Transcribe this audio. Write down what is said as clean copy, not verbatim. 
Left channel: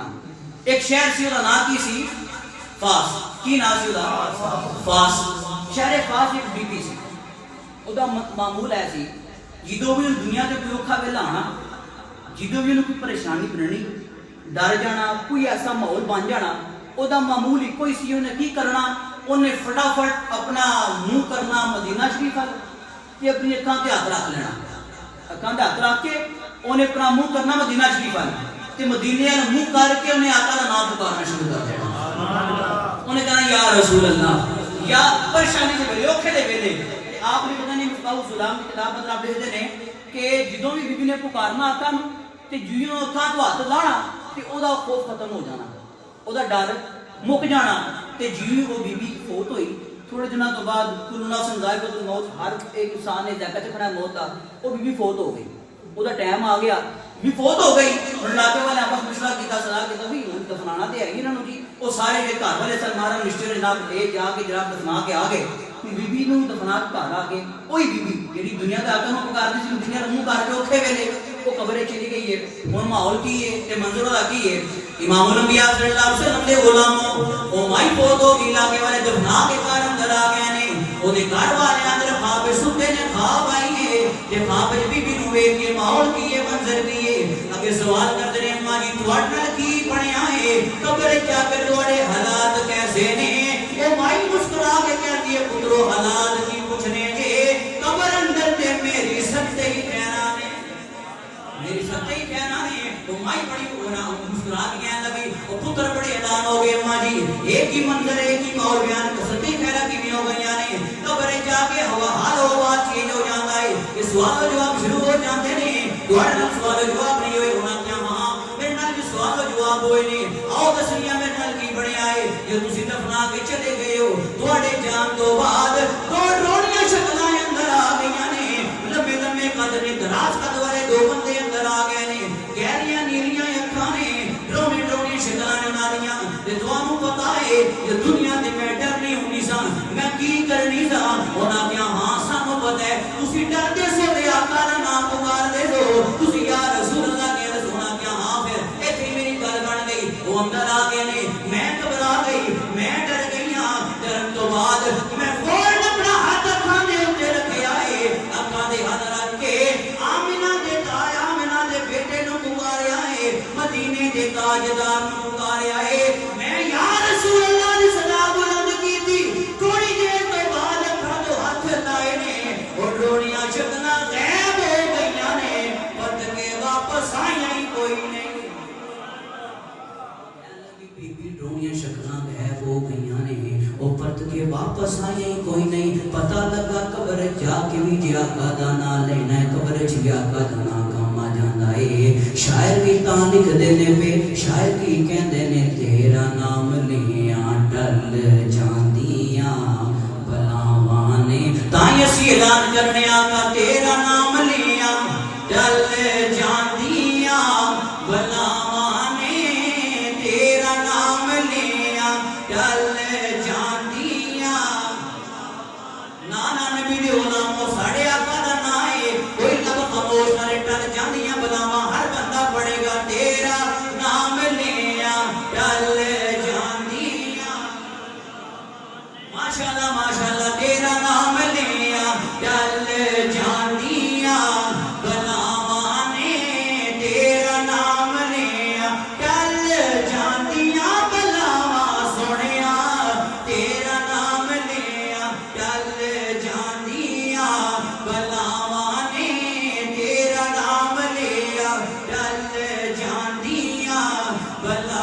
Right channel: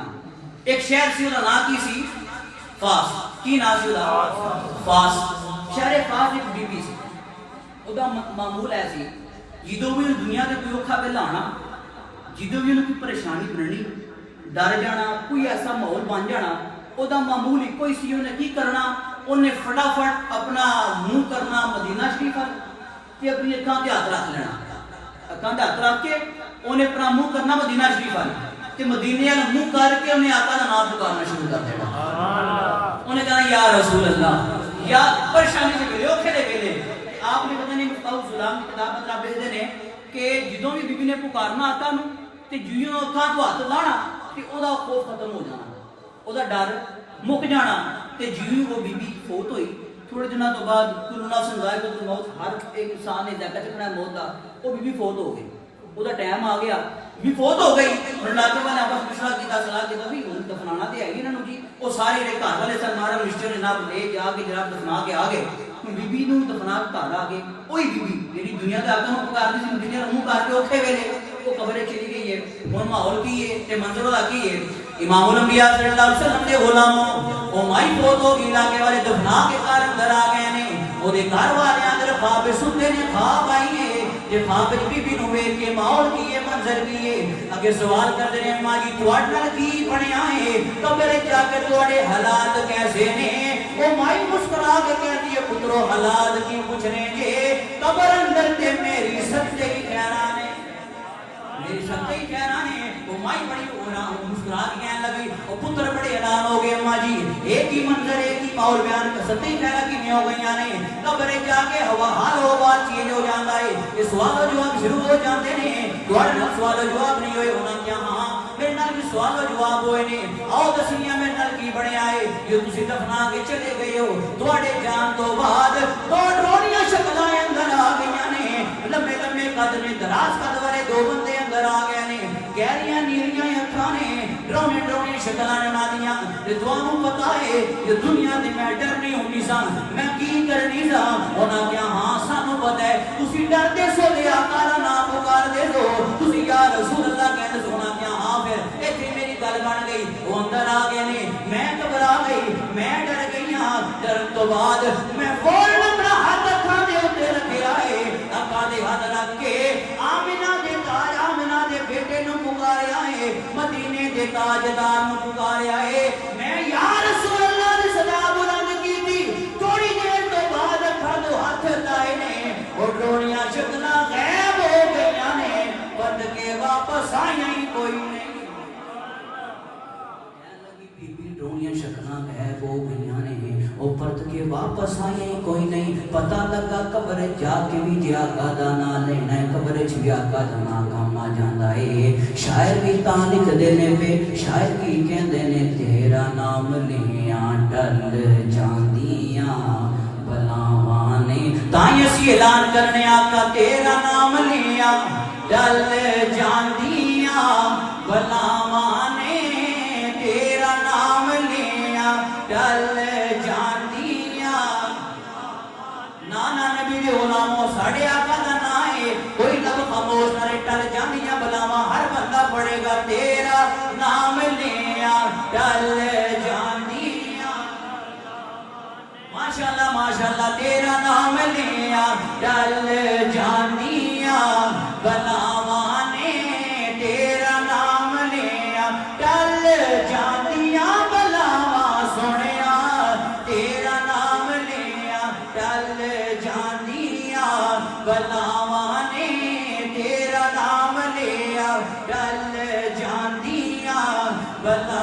نام ایک شہر سی وہ نام کی سی فاس کی نام سی وہ فاس شہر فاس ایک بی بی سی وہ معمول ہے سی جدو بھی دنیا کے کوئی اوکھا ویلا آنا جدو بھی انہوں کوئی پریشانی بننی ڈر جانا کوئی ایسا ماحول بن جانا وہ معمول ایک ہی سی انہیں کی کرنا انہیں فٹافٹ اپنا منہ کرنا مدینہ شریف کہ اپنی اکھاں تے ہاتھ رکھ لینا اکھاں تے ہاتھ رکھ کے انہیں اپنا منہ کرنا مدینہ شریف تے مدینے والا منہ کر کے انہیں آقا کا نام پکارنا شروع کر دینا انہیں کہنا یا رسول اللہ یا پریشانی کے ویلے اوکھے دے ویلے آپ نے پتہ نہیں مصباح الظلام کی کتاب میں آپ لکھتے ہیں کہ جدوں بھی بیوی نے پکارنا آقا نو تے جیوں اکھاں تو ہاتھ لانا تے او دا خوف ختم ہو جانا او دا ڈر مک جانا تے جیوں وہ بی بی فوت ہوئی تھوڑے دنوں تو بعد کل نفس ذائقۃ الموت ہر ایک انسان نے ذائقہ چکھنا ہے موت دا وہ بی بی فوت ہو گئی وہ دا ٹائم آ گیا بھی فوت ہو گئی اور لاتے والے آپس مشورہ کیتا صلاح کیتا بھی دفنانا تے ہے انہاں نو جی وہ سارے دے گھر والے سلمان رشتے نے جناب لے جا کے جناب دفنا کے آ گئے بی بی نو دفنا کے گھر آ گئے وہی بی بی جڑی دنیا تے آقا نو پکار دی سی دنیا منہ کر کے اوکھے ویلے وہ قبر چلی گئی ہے ہن ماحول کی ہے تے منظر دا کی ہے امام الانبیاء صلی اللہ علیہ وسلم دے غلام او مائی فوت ہو گئی لاگے والے دفنا کے گھر اندر آ گئے نے او دے گھر والے اندر خواب ستے نے خواب آئی ہے تے خواب بی بی نو ویکھ کے ماحول کی ہے منظر کی ہے اگے سوال کرتے رہے ماں جی تواڈے نال کی بنیا ہے قبر جا کے تواڈے حالات کیسے نے او مائی مسکرا کے کہتی ہے پترو حالات کی پوچھنے گے قبر اندر تے میری سچے ہی کہنا نے میری سچے ہی کہنا نے او مائی بڑی ہونا مسکرا کے کہنے لگی او پتر بڑے حیران ہو گئے ماں جی ایک ہی منظر ایک ہی ماحول بیان کر سچے کہنا کی ہو گئی نے قبر جا کے ہوا حال ہو بات چینج ہو جاتا ہے یہ سوال و جواب شروع ہو جاتے نے تواڈے نال سوال و جواب نہیں ہوئے ہونا کیا ہاں میرے نال بھی سوال و جواب ہوئے نے آؤ دسیاں میرے نال کی بنیا ہے یہ تسی دفنا کے چلے گئے ہو تواڈے جان تو بعد دو ڈرونیاں شکلاں اندر آ گئیاں نے لمبے لمبے قد نے دراز قد والے دو بندے اندر آ گئے نے گہریاں نیلیاں اکھاں نے ڈرونی ڈرونی شکلاں بنا دیاں تے تانوں پتہ ہے یہ دنیا تے میں ڈرنی ہونی سا میں کی کرنی سا انہاں کیا ہاں سانوں پتہ ہے تسی ڈردے سو تے آقا دا نام پکار دے ہو تسی یا رسول اللہ کہہ سونا کیا ہاں پھر ایتھے میری گل بن گئی وہ اندر آ گئے نے میں گھبرا گئی میں ڈر گئی ہاں ڈرن تو بعد میں فوراً اپنا ہاتھ اکھاں دے اوتے رکھیا ہے اکھاں دے ہاتھ رکھ کے آمنہ دے تاج آمنہ دے بیٹے نو پکاریا ہے مدینے دے تاجدار نو پکاریا ہے میں یا رسول اللہ دی صدا بلند کی تھی تھوڑی دیر تو بعد اکھاں دے ہاتھ لائے نے اور ڈرونیاں شکلاں غائب ہو گئیاں نے پرد کے واپس آئیاں ہی کوئی نہیں ڈرونیاں شکلاں غائب ہو گئیاں نے او پرت کے واپس آئے کوئی نہیں پتہ لگا قبر جا کے بھی جی آقا دا نام لینا ہے قبر چ بھی آقا دا نام کام آ جاندا ہے شاعر بھی تاں لکھ دینے پہ شاعر کی کہندے نے تیرا نام لیاں ڈل جاندیاں بلاواں نے تاں اسی اعلان کرنے آقا تیرا نام لیاں ڈل جاندیاں بلاواں نے تیرا نام لیاں ڈل جاندیاں نانا نبی دے غلاموں ساڑے آقا دا نام ہے کوئی لب خاموش نہ ٹل جاندیاں بلاواں ہر بندہ پڑھے گا تیرا نام لیاں ڈل جاندیاں ماشاءاللہ تیرا نام لیاں ڈل جاندیاں بلاواں نے تیرا نام لیاں ڈل جاندیاں بلاواں سنیا تیرا نام لیاں ڈل جاندیاں بلا